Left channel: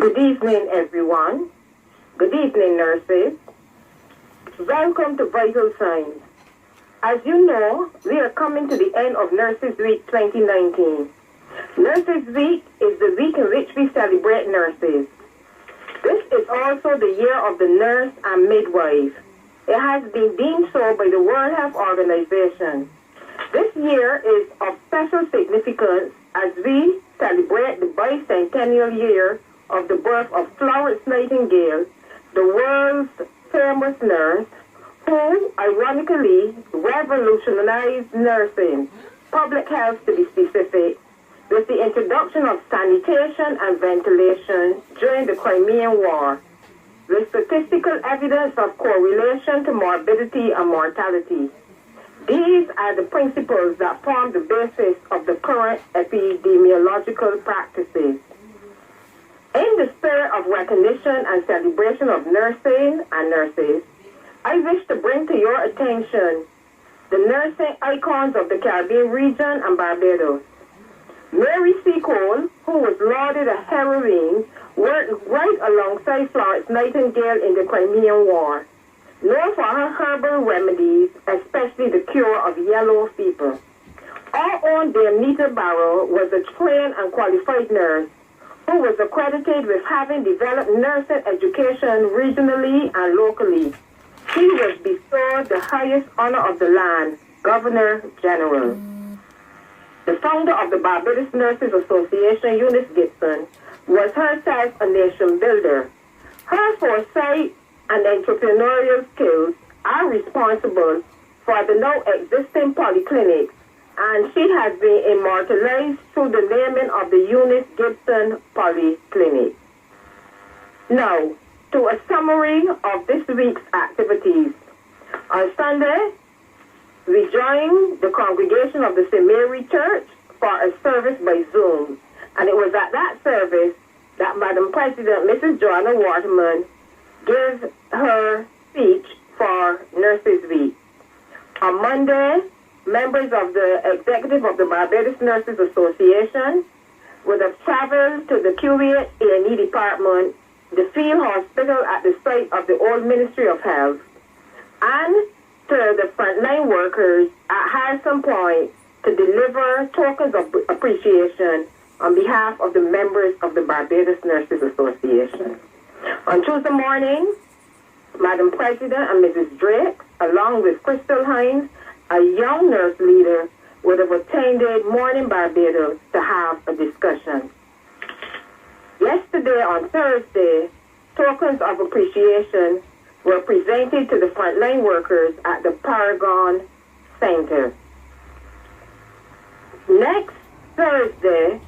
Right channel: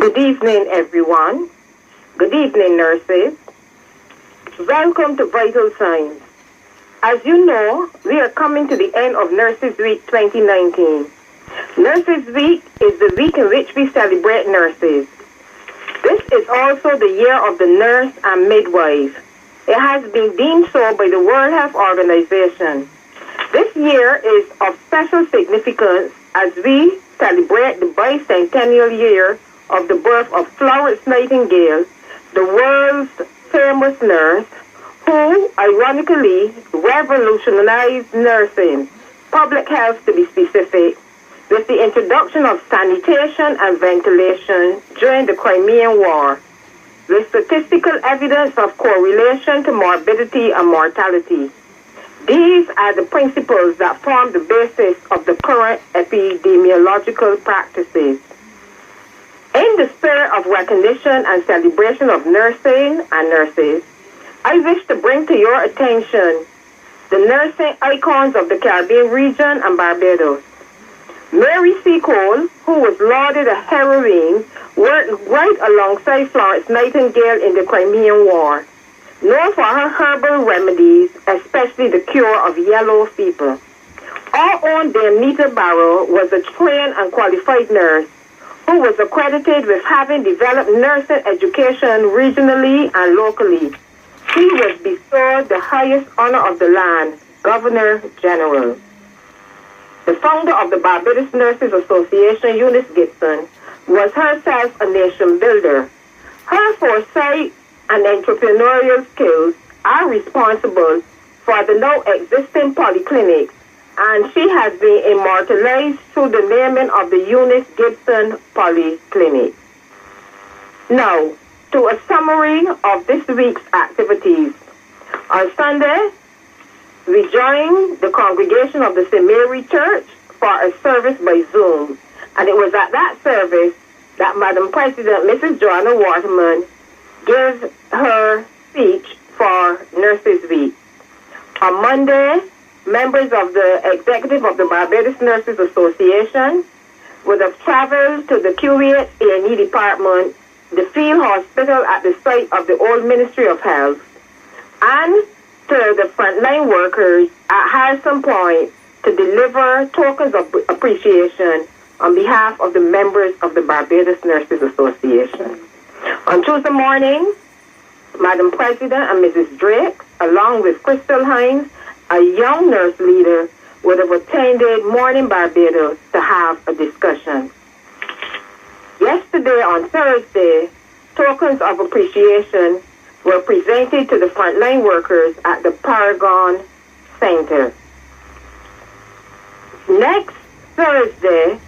Good evening, everyone. Good evening, nurses. Welcome to Vital Signs. As you know, we are coming to the end of Nurses Week 2019. Nurses Week is the week in which we celebrate nurses. This is also the year of the nurse and midwife. It has been deemed so by the World Health Organization. This year is of special significance as we celebrate the bicentennial year of the birth of Florence Nightingale, the world's famous nurse, who ironically revolutionized nursing, public health to be specific, with the introduction of sanitation and ventilation during the Crimean War, with statistical evidence of correlation to morbidity and mortality. These are the principles that form the basis of the current epidemiological practices. In the spirit of recognition and celebration of nursing and nurses, I wish to bring to your attention the nursing icons of the Caribbean region and Barbados. Mary C. Cole, who was lauded a heroine, worked right alongside Florence Nightingale in the Crimean War, known for her herbal remedies, especially the cure of yellow fever. Our own Sandra Barrow was a trained and qualified nurse who was accredited with having developed nursing education regionally and locally. She was bestowed the highest honor of the land, Governor General. The founder of the Barbados Nurses Association, Eunice Gibson, was herself a nation builder. Her foresight and entrepreneurial skills are responsible for the now existing polyclinics, and she has been immortalized through the naming of the Eunice Gibson Polyclinic. Now, to a summary of this week's activities. On Sunday, we joined the congregation of the St. Mary Church for a service by Zoom, and it was at that service that Madam President Mrs. Joanna Waterman gave her speech for Nurses Week. On Monday, members of the executive of the Barbados Nurses Association would have traveled to the Kuwait A&E department, the field hospital at the site of the old Ministry of Health, and to the frontline workers at Harrison Point to deliver tokens of appreciation on behalf of the members of the Barbados Nurses Association. On Tuesday morning, Madam President and Mrs. Drake, along with Crystal Hines, a young nurse leader, would have attended Morning Barbados to have a discussion. Yesterday, on Thursday, tokens of appreciation were presented to the frontline workers at the Paragon Center. Next Thursday,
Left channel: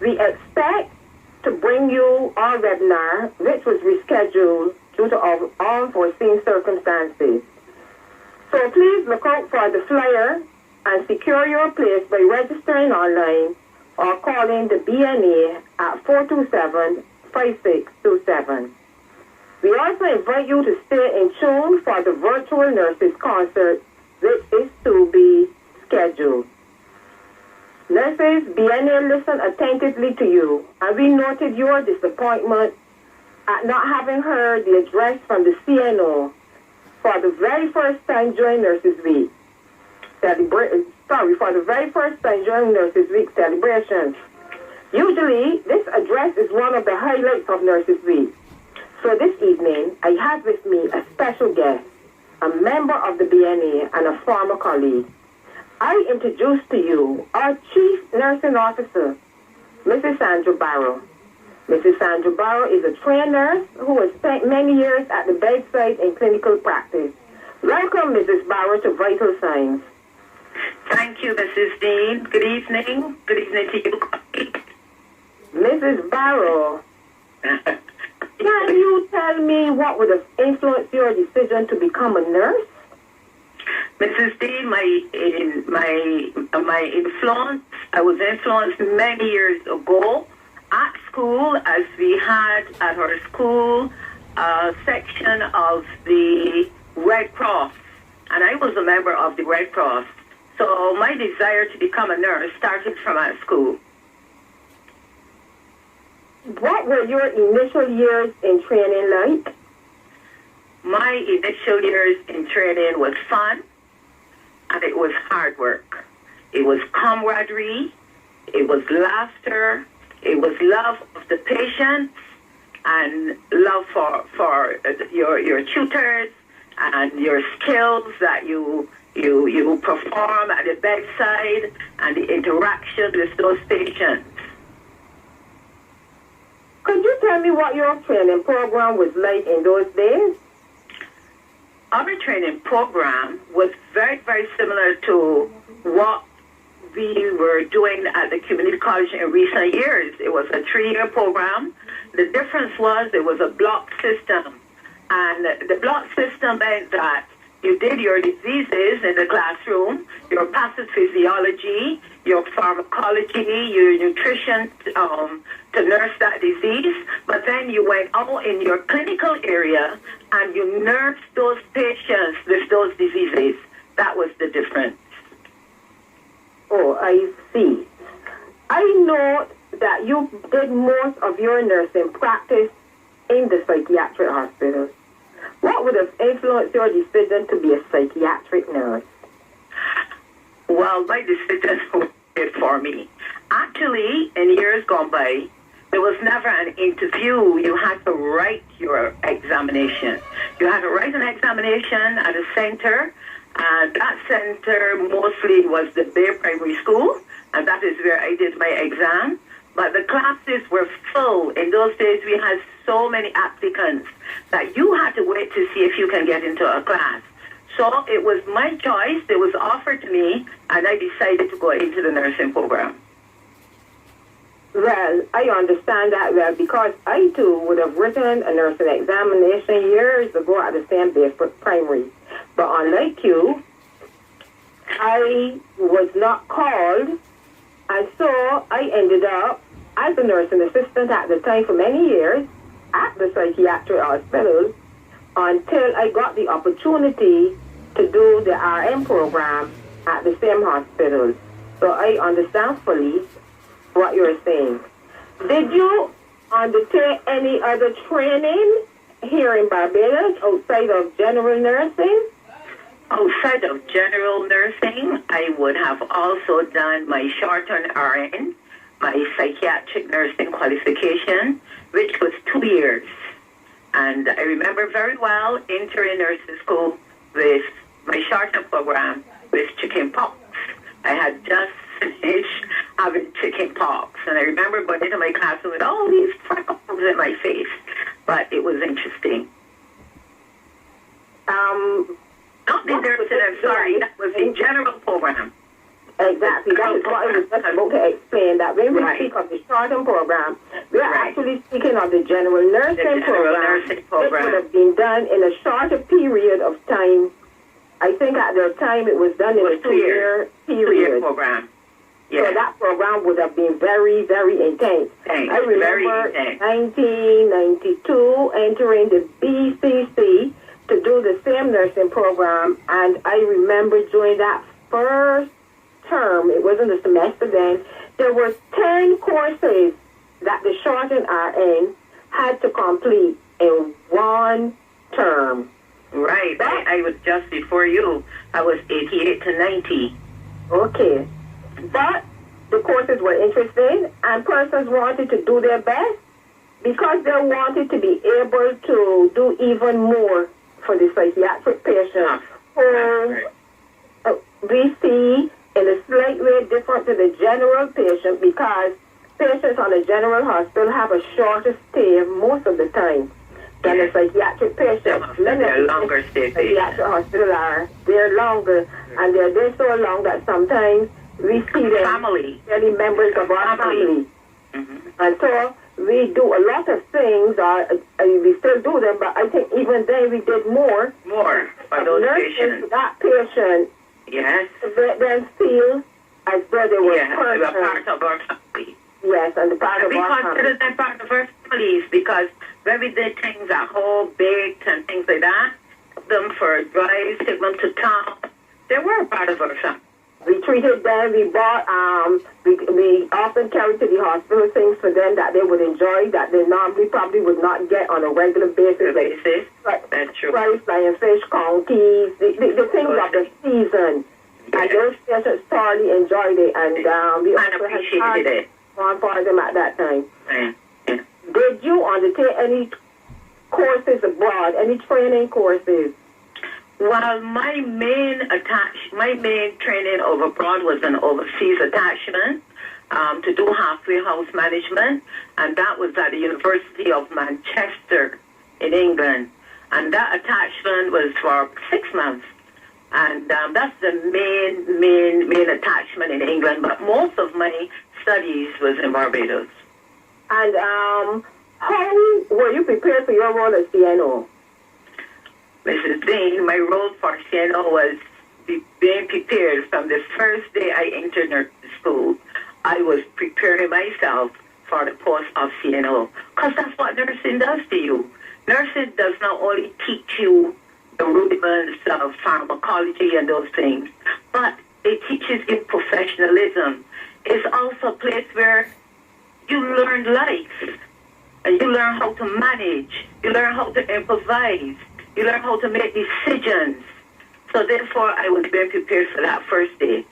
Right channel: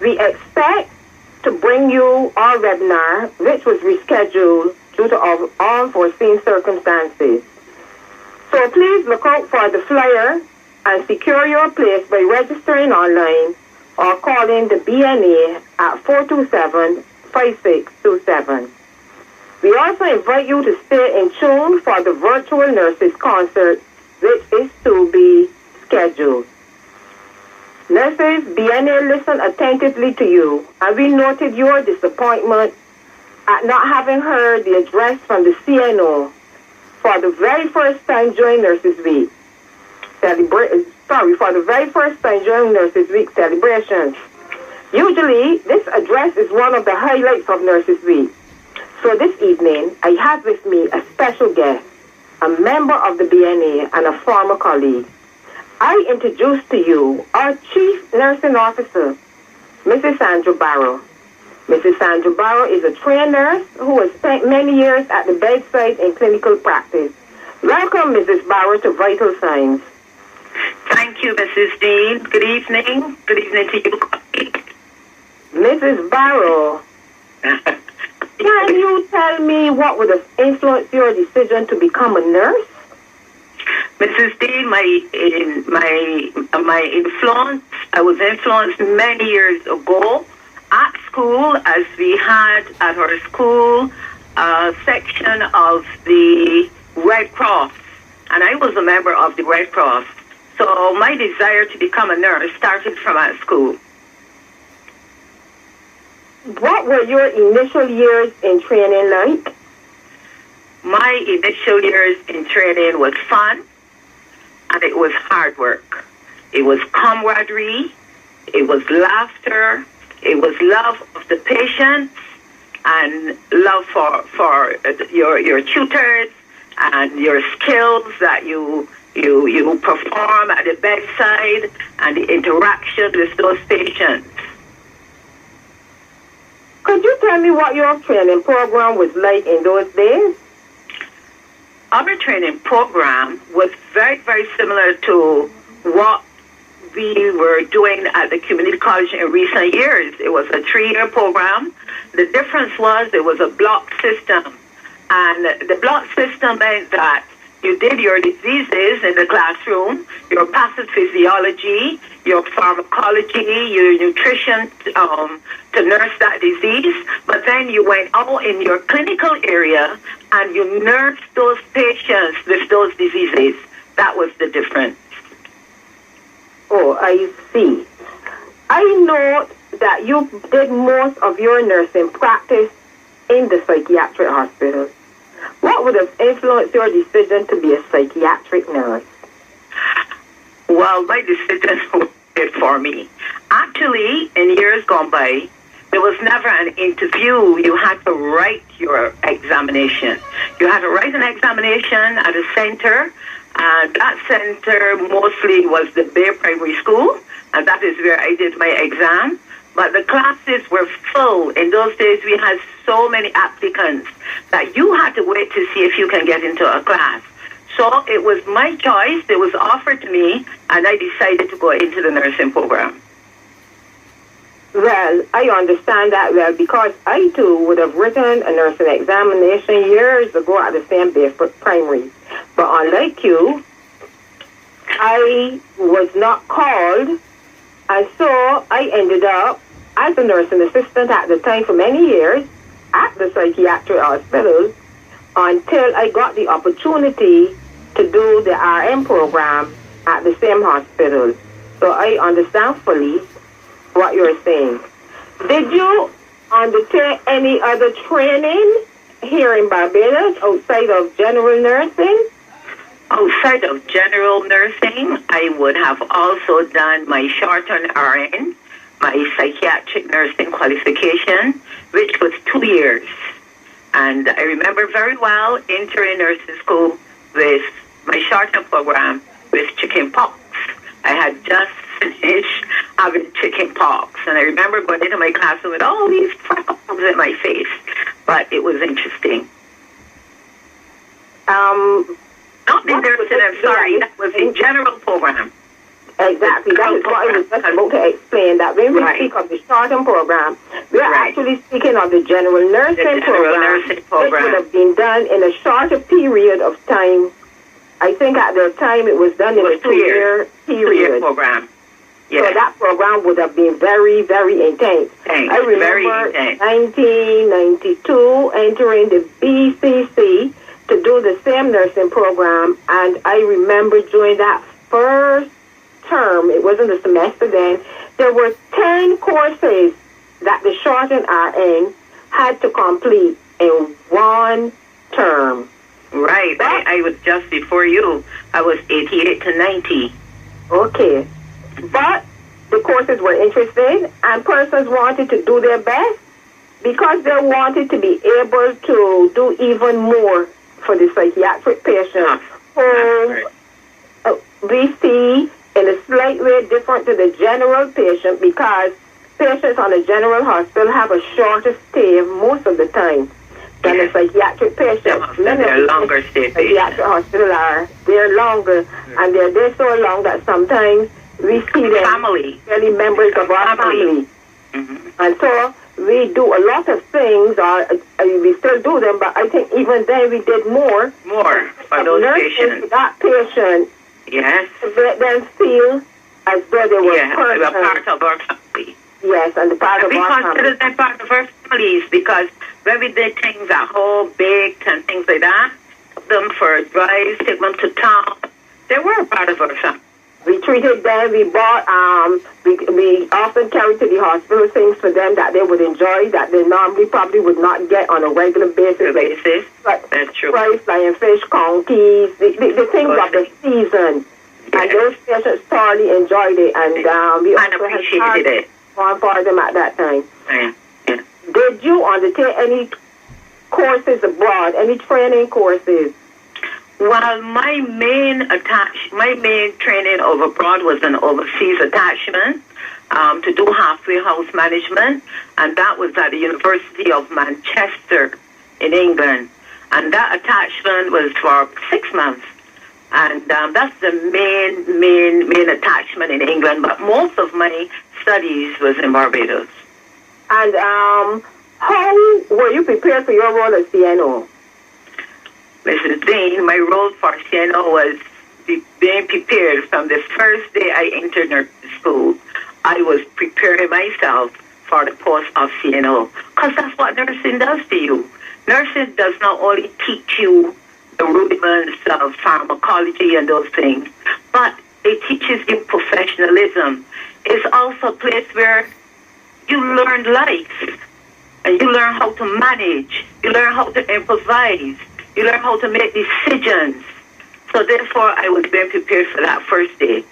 we expect to bring you our webinar, which was rescheduled due to unforeseen circumstances. So please look out for the flyer and secure your place by registering online or calling the BNA at 427-5627. We also invite you to stay in tune for the virtual nurses concert, which is to be scheduled. Nurses, BNA listened attentively to you, and we noted your disappointment at not having heard the address from the CNO for the very first time during Nurses Week. For the very first time during Nurses Week celebrations. Usually, this address is one of the highlights of Nurses Week. So this evening, I have with me a special guest, a member of the BNA and a former colleague. I introduce to you our Chief Nursing Officer, Mrs. Sandra Barrow. Mrs. Sandra Barrow is a trained nurse who has spent many years at the bedside in clinical practice. Welcome, Mrs. Barrow, to Vital Signs. Thank you, Mrs. Deane. Good evening. Good evening to you, colleague. Mrs. Barrow, can you tell me what would have influenced your decision to become a nurse? Mrs. Deane, my influence, I was influenced many years ago at school, as we had at our school a section of the Red Cross, and I was a member of the Red Cross. So my desire to become a nurse started from at school. What were your initial years in training like? My initial years in training was fun, and it was hard work. It was camaraderie, it was laughter, it was love of the patient, and love for your tutors and your skills that you perform at the bedside and the interaction with those patients. Could you tell me what your training program was like in those days? Our training program was very, very similar to what we were doing at the community college in recent years. It was a 3-year program. The difference was it was a block system. And the block system meant that you did your diseases in the classroom, your pathophysiology, your pharmacology, your nutrition to nurse that disease, but then you went out in your clinical area and you nursed those patients with those diseases. That was the difference. Oh, I see. I know that you did most of your nursing practice in the psychiatric hospital. What would have influenced your decision to be a psychiatric nurse? Well, my decision was made for me. Actually, in years gone by, there was never an interview. You had to write your examination. You had to write an examination at a center, and that center mostly was the Bay Primary School, and that is where I did my exam. But the classes were full. In those days, we had so many applicants that you had to wait to see if you can get into a class. So it was my choice. It was offered to me, and I decided to go into the nursing program. Well, I understand that well because I too would have written a nursing examination years ago at the same Bay Primary. But unlike you, I was not called, and so I ended up as a nursing assistant at the time for many years at the psychiatric hospital until I got the opportunity to do the RM program at the same hospital. So I understand fully what you're saying. Did you undertake any other training here in Barbados outside of general nursing? Outside of general nursing, I would have also done my short-term RN, my psychiatric nursing qualification, which was 2 years. And I remember very well entering nursing school with my short-term program with chicken pox. I had just finished having chicken pox, and I remember going into my classroom with all these freckles in my face. But it was interesting. Not in nursing, I'm sorry, that was a general program. Exactly, that is what I was just about to explain, that when we speak of the short-term program, we're actually speaking of the general nursing program, which would have been done in a shorter period of time. I think at the time it was done in a 2-year period. 2-year program. Yes. So that program would have been very, very intense. I remember 1992 entering the BCC to do the same nursing program, and I remember during that first term, it wasn't a semester then, there were 10 courses that the shortened RN had to complete in one term. Right. I was just before you. I was 88 to 90. Okay. But the courses were interesting, and persons wanted to do their best because they wanted to be able to do even more for the psychiatric patients who we see in a slight way different to the general patient, because patients on a general hospital have a shorter stay most of the time than a psychiatric patient. They're longer stay patients. Psychiatric hospital they're longer, and they're there so long that sometimes we see them really members of our family. And so we do a lot of things, or we still do them, but I think even then we did more. More for those patients. That patient, yes, let them feel as though they were part of our family. Yes, and the part of our family. We consider them part of our families because when we did things at home, baked and things like that, took them for drives, take them to town, they were a part of our family. We treated them. We bought. We often carried to the hospital things for them that they would enjoy that they normally probably would not get on a regular basis. But that's true. Rice, flying fish, conkeys, the things of the season. Yes. And those patients thoroughly enjoyed it, and we also appreciated it for them at that time. Yeah. Yeah. Did you undertake any courses abroad? Any training courses? Well, my main training abroad was an overseas attachment to do halfway house management, and that was at the University of Manchester in England. And that attachment was for 6 months, and that's the main attachment in England. But most of my studies was in Barbados. And how were you prepared for your role as CNO? Mrs. Deane, my role for CNO was being prepared from the first day I entered nursing school. I was preparing myself for the post of CNO, because that's what nursing does to you. Nursing does not only teach you the rudiments of pharmacology and those things, but it teaches you professionalism. It's also a place where you learn life, and you learn how to manage, you learn how to improvise, you learn how to make decisions. So therefore, I was being prepared for that first day.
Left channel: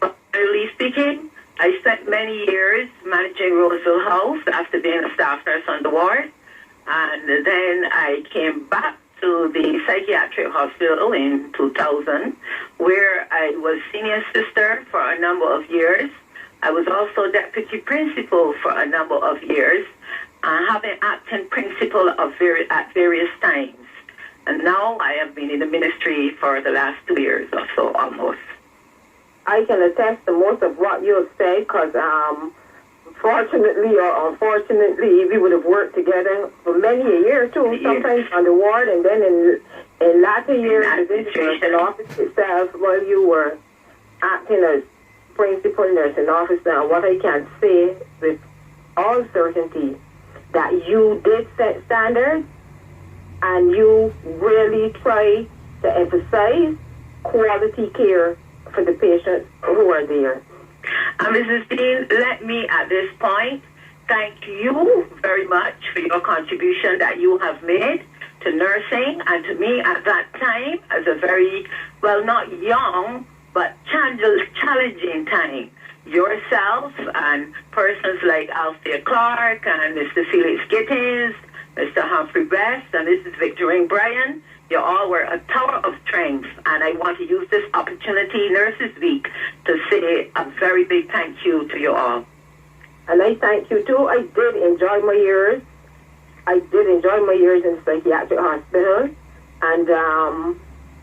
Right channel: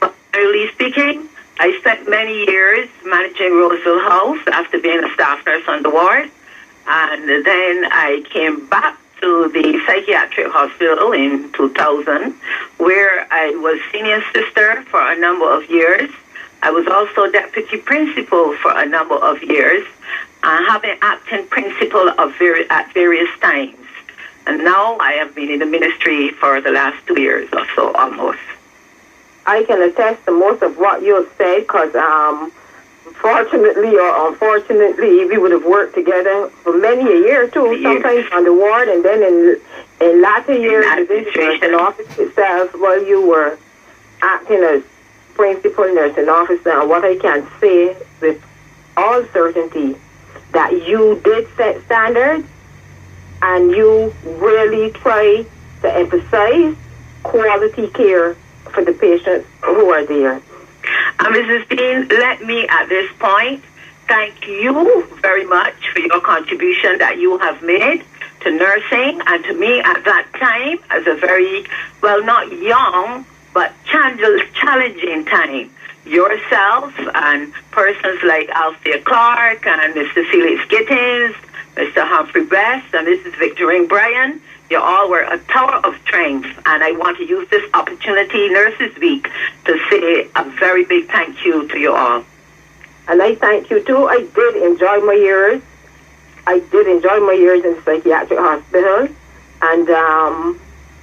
But generally speaking, I spent many years managing Roseville House after being a staff nurse on the ward. And then I came back to the psychiatric hospital in 2000, where I was senior sister for a number of years. I was also deputy principal for a number of years, having acting principal at various times. And now I have been in the ministry for the last 2 years or so, almost. I can attest to most of what you have said, because fortunately or unfortunately, we would have worked together for many a year too, sometimes on the ward, and then in latter years within the nursing office itself, while you were acting as principal nursing officer. And what I can say with all certainty, that you did set standards, and you really try to emphasize quality care for the patients who are there. Mrs. Deane, let me at this point thank you very much for your contribution that you have made to nursing and to me at that time as a very, well, not young, but challenging time. Yourself and persons like Althea Clark and Mr. Felix Gittins, Mr. Humphrey Best, and Mrs. Victorine Bryan, you all were a tower of strength, and I want to use this opportunity, Nurses Week, to say a very big thank you to you all. And I thank you too. I did enjoy my years. I did enjoy my years in the psychiatric hospital, and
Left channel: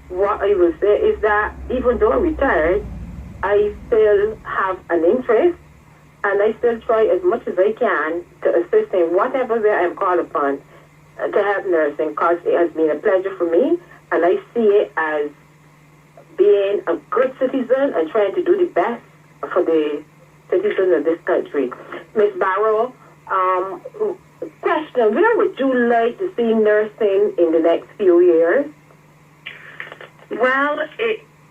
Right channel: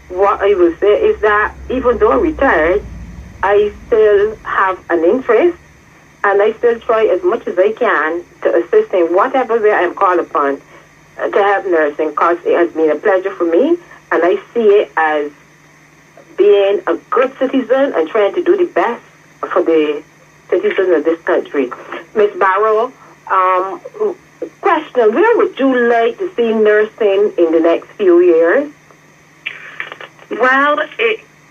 what I will say is that even though I'm retired, I still have an interest, and I still try as much as I can to assist in whatever way I am called upon to help nursing, because it has been a pleasure for me, and I see it as being a good citizen and trying to do the best for the citizens of this country. Ms. Barrow, question, where would you like to see nursing in the next few years? Well,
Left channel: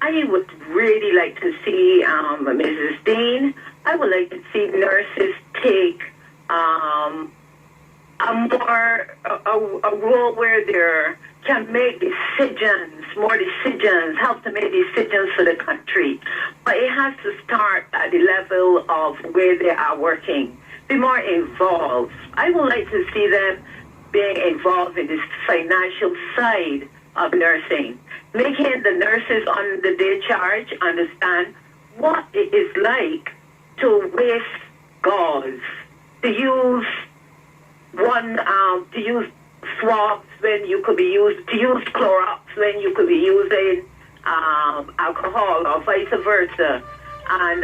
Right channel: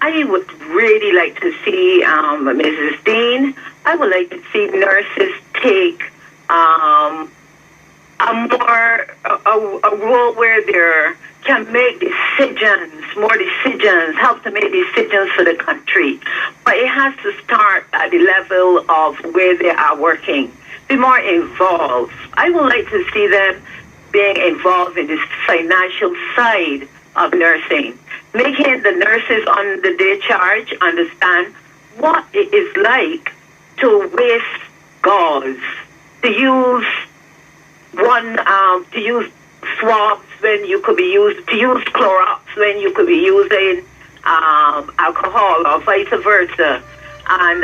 I would really like to see, Mrs. Deane, I would like to see nurses take a role where they can make more decisions, help to make decisions for the country. But it has to start at the level of where they are working. Be more involved. I would like to see them being involved in this financial side of nursing, making the nurses under their charge understand what it is like to waste gauze, to use to use swabs when you could be to use Clorox when you could be using alcohol or vice versa, and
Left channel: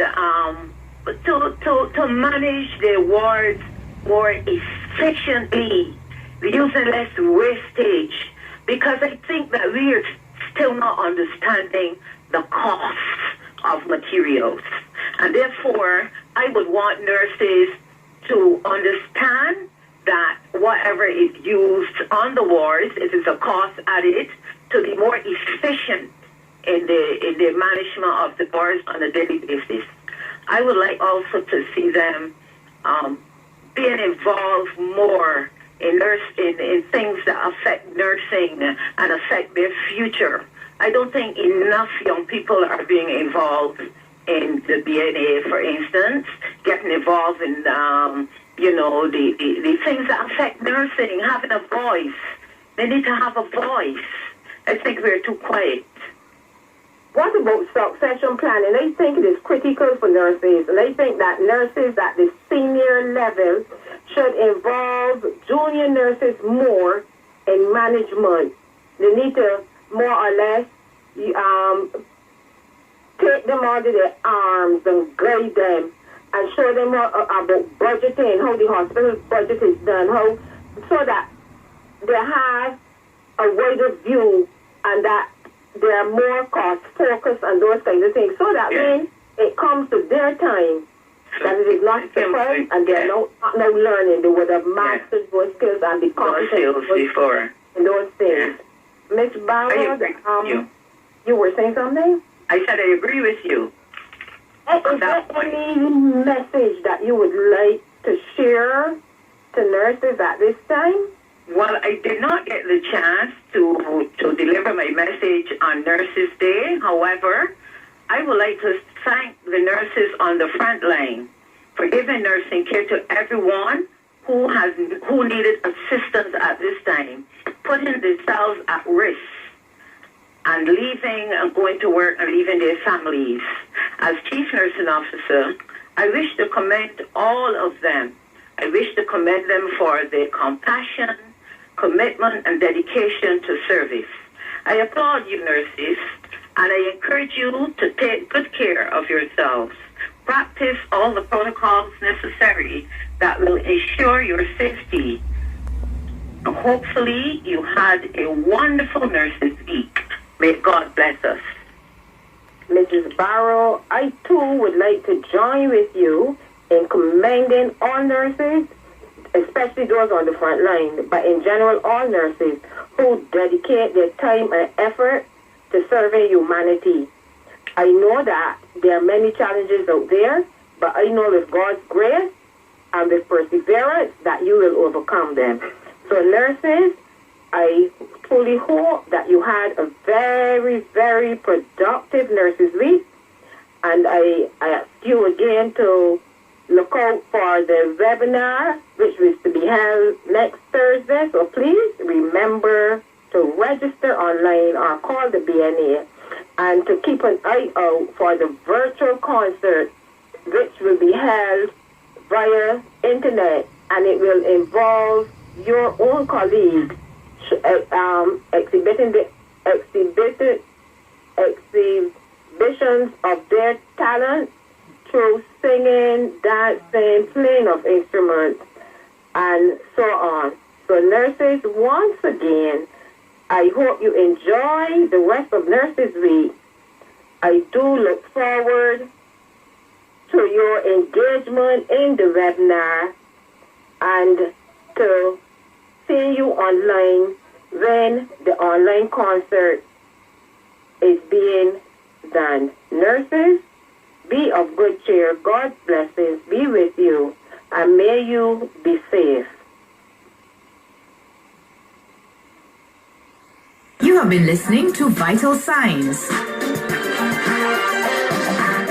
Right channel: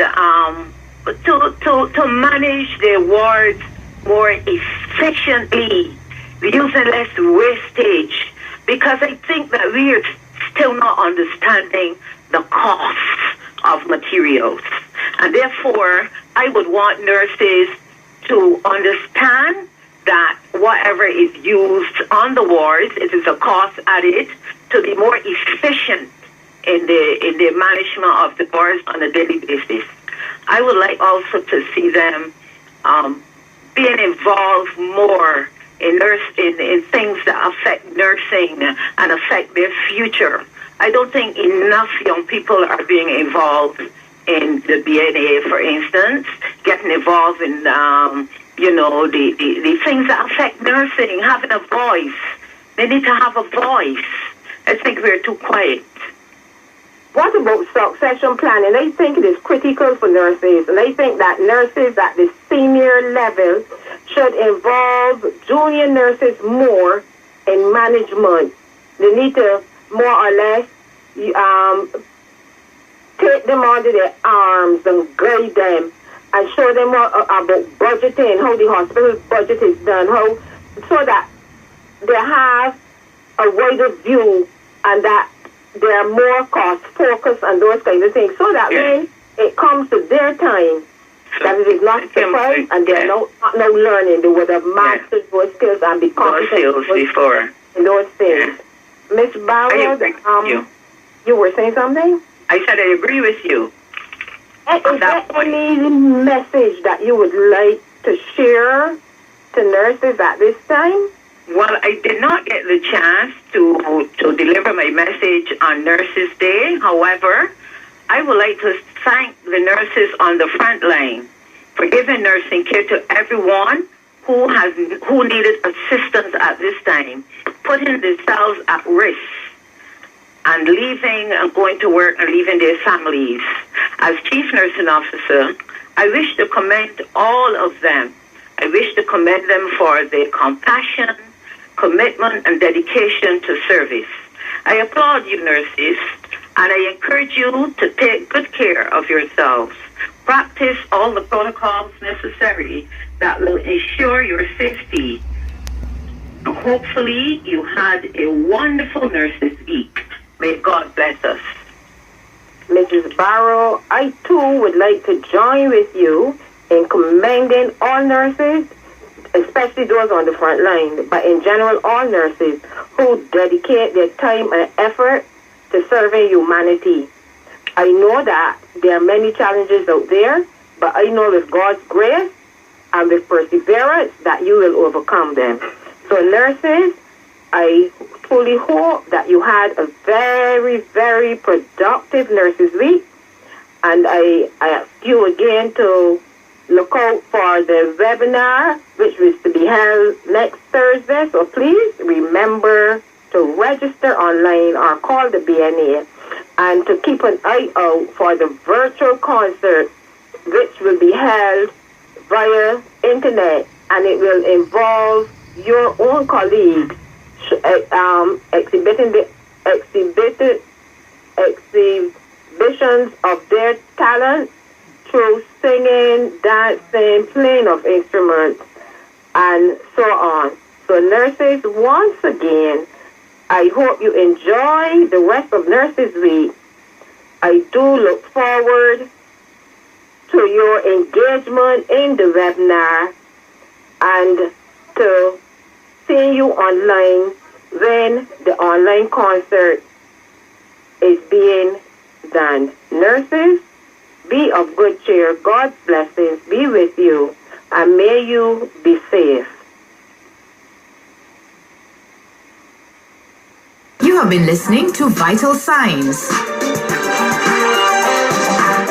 to manage their wards more efficiently, using less wastage, because I think that we are still not understanding the cost of materials, and therefore I would want nurses to understand that whatever is used on the wards, it is a cost added to be more efficient in the management of the boards on a daily basis. I would like also to see them being involved more in things that affect nursing and affect their future. I don't think enough young people are being involved in the BNA, for instance, getting involved in the things that affect nursing, having a voice. They need to have a voice. I think we're too quiet. What about succession planning? I think it is critical for nurses, and I think that nurses at the senior level should involve junior nurses more in management. They need to more or less take them under their arms and guide them and show them about budgeting, how the hospital budget is done, so that they have a wider view and that they are more cost focused and those kinds of things, so that when it comes to their time, that it is not surprised and they are not learning. They would have mastered those skills and be competent before in those things. Miss Barrow, you were saying something? I said I agree with you. Is there any message that you would like to share to nurses at this time? Well, I did not get the chance to deliver my message on Nurses Day. However, I would like to thank the nurses on the front line for giving nursing care to everyone who needed assistance at this time, putting themselves at risk and leaving and going to work and leaving their families. As Chief Nursing Officer, I wish to commend all of them. I wish to commend them for their compassion, commitment, and dedication to service. I applaud you, nurses, and I encourage you to take good care of yourselves. Practice all the protocols necessary that will ensure your safety. And hopefully, you had a wonderful Nurses Week. May God bless us. Mrs. Barrow, I too would like to join with you in commending all nurses, especially those on the front line, but in general, all nurses who dedicate their time and effort to serving humanity. I know that there are many challenges out there, but I know with God's grace and with perseverance that you will overcome them. So nurses, I truly hope that you had a very, very productive Nurses Week, and I ask you again to look out for the webinar, which is to be held next Thursday. So please remember to register online or call the BNA, and to keep an eye out for the virtual concert, which will be held via internet, and it will involve your own colleagues exhibitions of their talent through singing, dancing, playing of instruments, and so on. So nurses, once again, I hope you enjoy the rest of Nurses Week. I do look forward to your engagement in the webinar and to seeing you online when the online concert is being done. Nurses, be of good cheer. God's blessings be with you, and may you be safe. You have been listening to Vital Signs.